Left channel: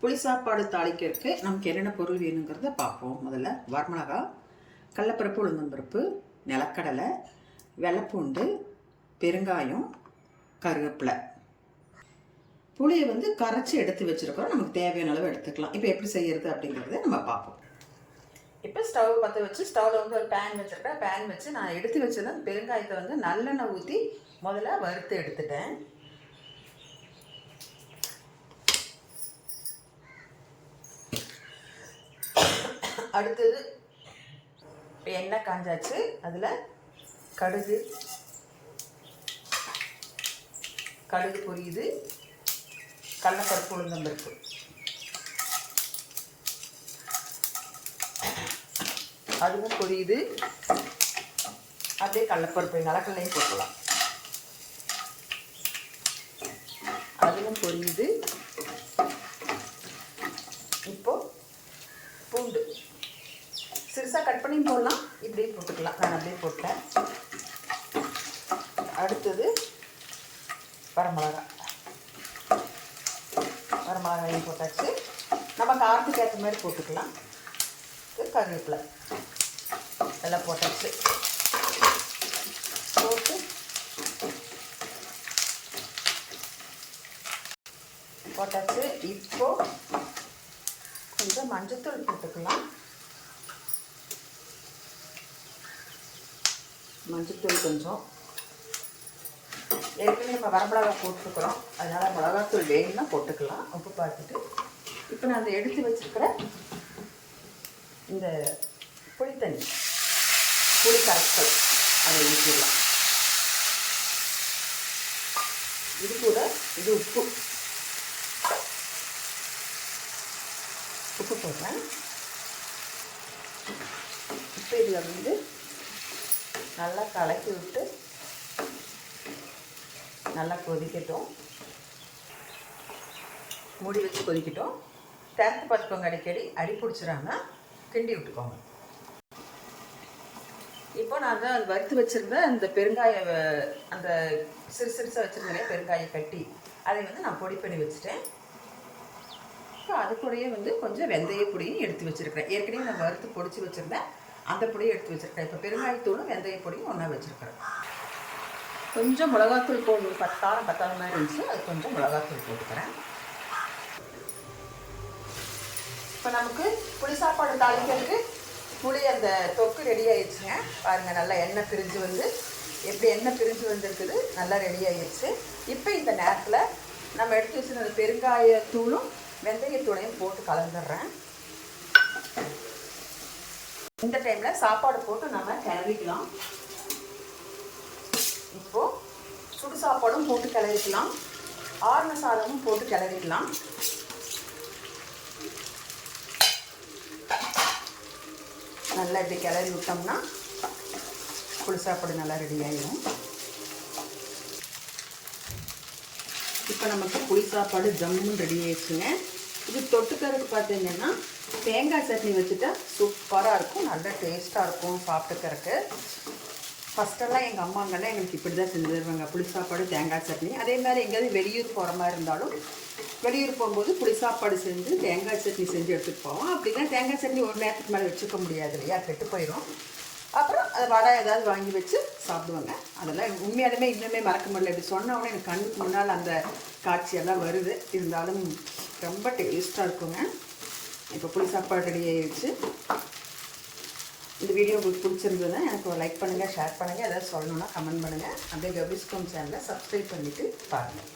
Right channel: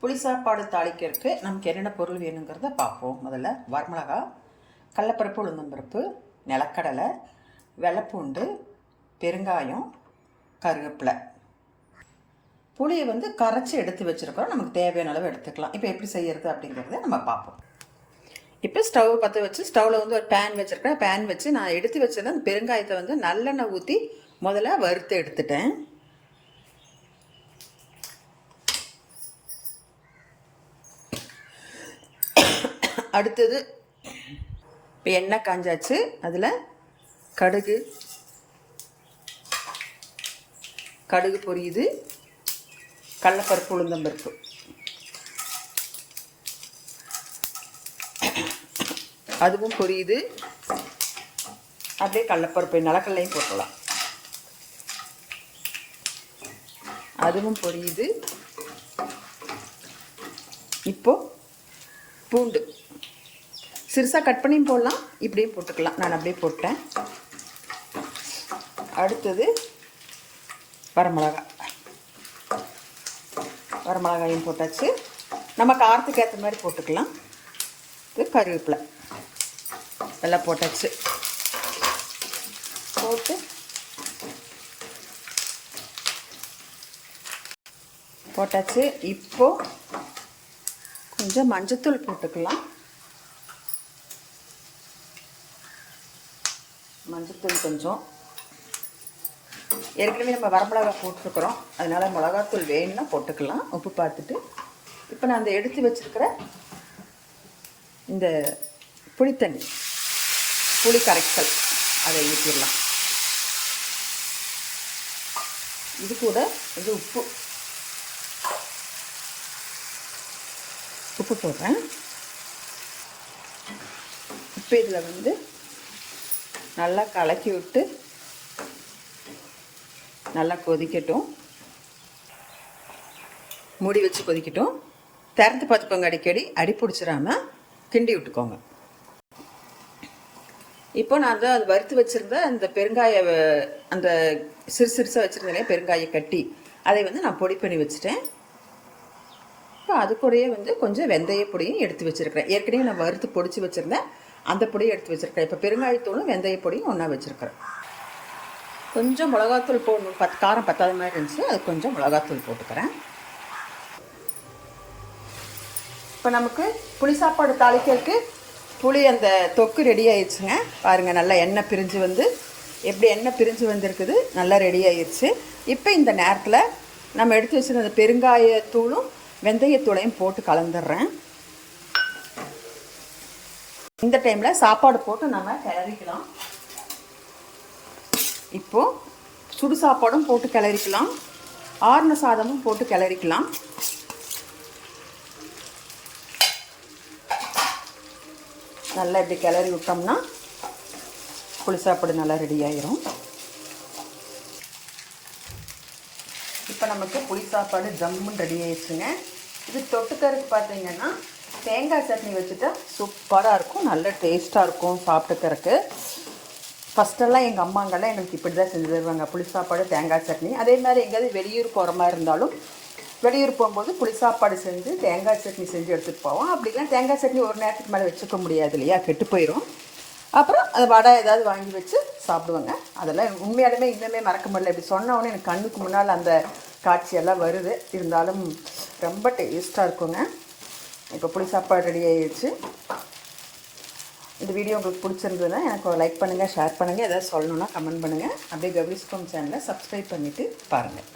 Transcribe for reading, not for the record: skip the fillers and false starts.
புளி சாப்பாடு தாளிக்கிறதுக்கு நமக்கு என்னென்ன பொருள் வேணுங்கிறத பார்ப்போம். முதல்ல வரமிளகா, கடலைப்பருப்பு, உளுந்தம்பருப்பு, நிலக்கடலை, வெள்ளைப்பூண்டு, பெருங்காயம், கருவேப்பிலை. புளியை கரைச்சி எடுத்து வச்சுருக்கோம். நமக்கு தேவையான அளவு எடுத்துக்கலாம். இப்போ எப்படி செய்கிறது அப்படிங்கிறத நம்ம பார்ப்போம். இப்போ ஸ்டவ் பற்ற வச்சு ஸ்டவ்வில் ஒரு பேன் வச்சுருக்கேன். பேன் வச்சு நான் எடுத்து வச்சிருந்தேன் அந்த பெருங்காயத்தை நல்லெண்ணெய் ஊற்றி முதல்ல வறுத்து எடுத்துட்டேன். அடுத்தது இப்போ எண்ணெய் காஞ்சாச்சு. அதில் கடுகு பொரியுது, கடலைப்பருப்பு, உளுந்தம்பருப்பு, அதுவும் பொரியுது. அப்படியே கடலைப்பருப்பு நிலக்கடலையும் போட்டலாம், அதுவும் பொரியுது. இப்போது பூண்டு சிறுசாக கட் பண்ணியும் போடலாம், இப்படியும் போட்டுக்கலாம். நான் அப்படியே போட்டேன். அடுத்தது வரமிளகாயும் போட்டாச்சு. நம்ம காரத்துக்கு ஏற்ற மாதிரி போட்டுக்கலாம். இது கருவேப்பிலை எல்லாம் போட்டாச்சு. போட்டாச்சு. இப்போது கொஞ்சம் மஞ்சத்தூள் போட்டுக்கலாம். மஞ்சத்தூள் கொஞ்சம், ஏற்கனவே நம்ம வரமிளகா போட்டுருக்குறோம், அதனால் மிளகாத்தூள் வேணும்னா போட்டுக்கலாம், உப்பு பார்த்துட்டு. இப்போ நான் அந்த எடுத்து வச்சுருக்கிற இந்த புளித்தண்ணி, புளி கரைசல் அதை ஊற்றிடலாம். இது கூட இது உப்பு போடுறேன். இப்போ இதில் நல்லா கலக்கி விட்டு நல்லா கொதிக்கட்டும். மூடி வச்சு கொதிக்கட்டும். திறந்து பார்த்துக்கோங்க, அடிக்கடி அடி பிடிச்சிடாமல் கிண்டி விட்டுக்கோங்க. இப்போ நான் அது வறுத்து வச்சுருந்த அந்த பெருங்காய அந்த சிறுசாக வச்சுருந்தேன் பெருங்காய கட்டி, அதை நான் பொடி பண்ணி வச்சுட்டேன். இப்போ அது கூடயே கொஞ்சம் வெந்தய பொடியும் எடுத்து வச்சுருக்கிறேன். ஏற்கனவே நான் வறுத்து பொடிச்சு வச்சுருந்தேன், அந்த பொடியை எடுத்து வச்சுருக்கேன். இப்போ பெருங்காயத்தூளும் வெந்தய பொடியும் ஒன்றா வச்சுருக்கிறேன். கொஞ்சம் மிளகாத்தூள் போடணும், காரம் பத்தாத மாதிரி இருந்துச்சு, அது கொஞ்சம் மிளகாத்தூள் போட்டுக்கிறேன். இப்போ நமக்கு புளி சாப்பாடு தாளிக்கிறதுக்கு புளி அந்த தொக்கு ரெடி ஆயிடுச்சுங்க. பாருங்கள், நல்லா எண்ணெய் பிரிஞ்சு எப்படி எண்ணெய் பிரிஞ்சு வந்திருக்குது, நல்லா ரெடி ஆயிடுச்சு. இப்போ இந்த நேரத்தில் நம்ம எடுத்து வச்சுருந்த பெருங்காயத்தூளும் வெந்தயத்தூளையும் போட்டு கலந்துடுறேன். இந்த டைமில் சாப்பாடு போட்டு நம்ம கிளறிக்கலாம். இப்போது சுடு சாப்பாடும் போட்டு கிளறிக்கலாம், ஆறுன சாதமும் போட்டு கிளறிக்கலாம். நல்லா இப்படி கிளறி விட்டோம்னா புளி சாப்பாடு நல்லா ரெடி ஆகிரும். இப்போ நமக்கு புளி சாப்பாடு ஜம்முன்னு ரெடி ஆயிடுச்சுங்க. இது தொட்டுக்கறதுக்கு பார்த்தீங்கன்னா தேங்காய் சட்னி வச்சுட்டா சூப்பராக இருக்கும், நல்ல டேஸ்ட்டாக இருக்கும் சாப்பிட்டுக்கறக்கு. ஃபஸ்ட்டெல்லாம் எங்கள் அம்மாங்கெல்லாம் எனக்கு இப்படி தான் செஞ்சு தருவாங்க, புளி சாப்பாடு தேங்காய் சட்னி. அதே மாதிரி எங்கேயாவது வெளியூர் போகிற மாதிரி இருந்தாலும் வெளியூர் போகும்போது புளி சாப்பாடு செஞ்சு தேங்காய் சட்னி செஞ்சு எடுத்துகிட்டு போவோம். அப்படின்னா தேங்காய் சட்னி ஒரு நேரத்துக்கு மேலே வச்சுக்க முடியாது இல்லையா, கெட்டு போயிடும். அப்புறம் அது வடை ஏதாவது வாங்கி வச்சு சாப்பிடுவாங்க. அதெல்லாம் உண்மையாலுமே இன்னுமே மறக்க முடியல. இப்படி சொன்னோன்னே எனக்கு கண்ணுக்கு முன்னால் அந்த காட்சியெல்லாம் வருது. இருந்தாலும் ரொம்ப டேஸ்ட்டாக இருக்குங்க. இப்போ புளி சாப்பாடு ரெடி ஆகிடுச்சு. இந்த வீடியோ உங்களுக்கு பிடிச்சிருந்ததுன்னா எனக்கு லைக் பண்ணுங்கள், ஷேர் பண்ணுங்கள், எதாவது சொல்லணுன்னா கமெண்ட் பண்ணுங்கள். அப்படியே கௌரிஸ் ஹோம் சேனலை சப்ஸ்கிரைப் பண்ணிவிட்டு பாருங்கள்.